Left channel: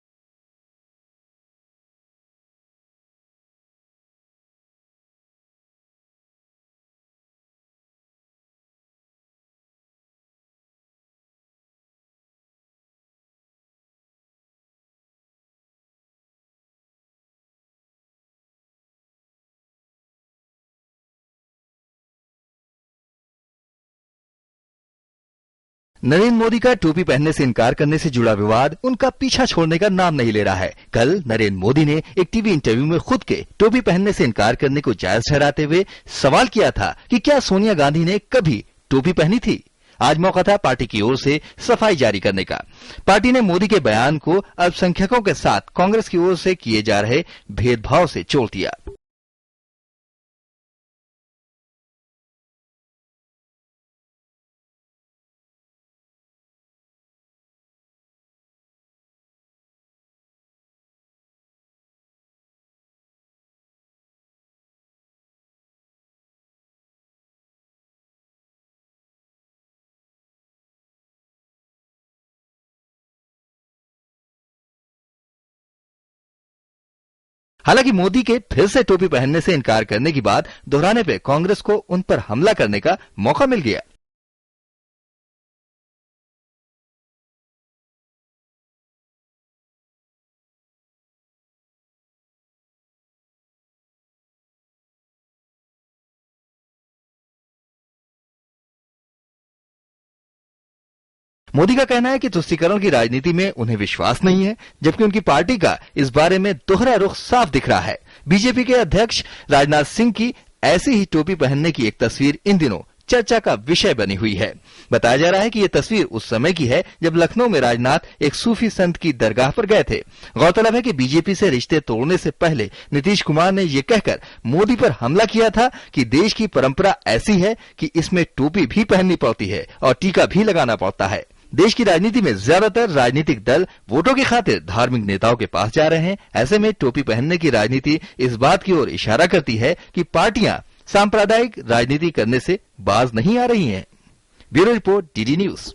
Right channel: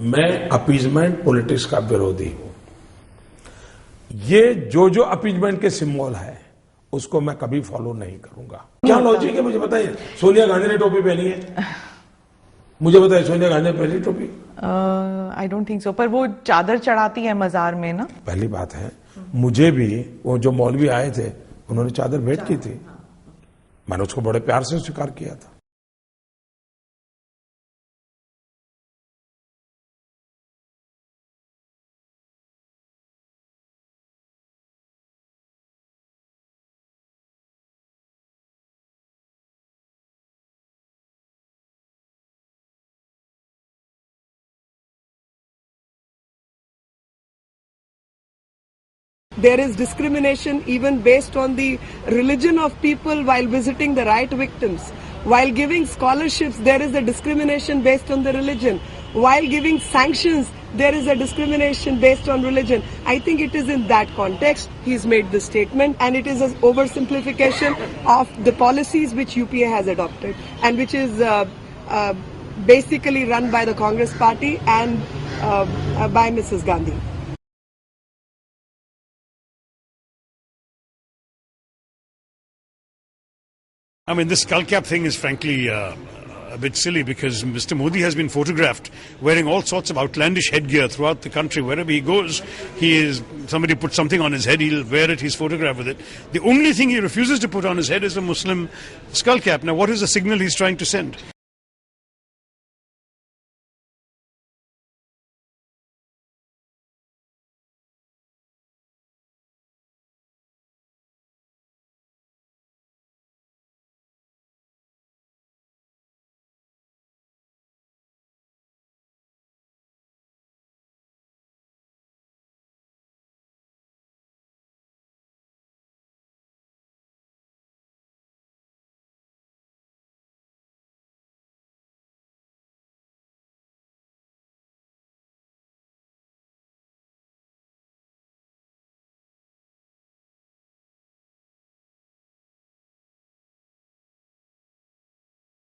मैं appeasement politics का विरोधी हूं। ये जो अपीजमेंट के सिंबल है उसको मैं कभी फॉलो नहीं करूंगा। क्या लॉजिक है मुझे बताइए। सोनिया गांधी ने टोपी पहनी है, मुझे बताइए सोनिया गांधी ने पहनी टोपी? आई डोंट थिंक सो, पर वो चादर चढ़ाती है मजार में ना। पहली बात है, मुझे भी वो जो मौलवी आए थे उन्होंने चादर भेंट की थी, मैंने उसको बड़े प्यार से स्वीकार किया था। नरेंद्र मोदी का टोपी पहनने से इनकार करने से जुड़ा विवाद उनका पीछा छोड़ने का नाम नहीं ले रहा है। कल नरेंद्र मोदी ने एक टीवी इंटरव्यू में खुद के टोपी पहनने से इनकार करने को जायज ठहराते हुए सवाल किया था कि क्या सोनिया गांधी ने कभी टोपी पहनी थी। आज मौका था पार्टी की ओर से सफाई जारी करने का। पार्टी ने मोदी के बयान को अल्पसंख्यकों के साथ कांग्रेस की ओर से किए जा रहे भेदभाव से जोड़ दिया। There is discrimination even based on the religion of people while visiting the right victims. While giving scholarships, there is a discrimination based on the religion. While giving sanctions, there is a discrimination based on religion. I think it is in that context he's made this statement, and it is an oversimplification of the policies which UPA has adopted and which is basically run by the Congress party and by Mrs. Gandhi. हालांकि मोदी के फिर से टोपी पहनने से इनकार करने की बात दोहराने पे कांग्रेस को उन पर हमला करने का मौका मिल गया। I mean, this skull cap thing is frankly a bit silly because Mr. Modi has been photographed wearing all sorts of outlandish headgear throughout the country. Wherever he goes, somebody puts something on his head, he'll wear it, he's photographed with it. The only thing he refuses to put on his head is a Muslim skull cap. Now, what is the signal he's trying to send? Modi का कहना है कि तुष्टीकरण की राजनीति में उन्हें विश्वास नहीं है, जबकि उनकी पार्टी का इस बारे में दोहरा रुख साफ दिख रहा है। बीजेपी के अध्यक्ष राजनाथ सिंह की ऐसी ही टोपी पहनने की एक तस्वीर इन दिनों चर्चा का विषय बनी हुई है। बताया जा रहा है कि ये तस्वीर उस समय की है जब लखनऊ में राजनाथ एक सूफी संत की दरगाह पर गए थे। गौरतलब है कि बीजेपी से रिश्ते तोड़ने से पहले नीतीश कुमार ने ये कहकर मोदी पर हमला किया था कि देश की परंपरा ऐसी है कि इसमें टोपी भी पहननी पड़ती है और टीका भी लगाना पड़ता है। देश की राजनीति में ज्यादातर राजनीतिक दल वोटों की खातिर धार्मिक नेताओं के पास जा रहे हैं। ऐसे में टोपी पहनने की राजनीति इस बात की ओर इशारा करती है कि पार्टियां सांप्रदायिक राजनीति करने से बाज नहीं आ रही हैं। Bureau report, DD news.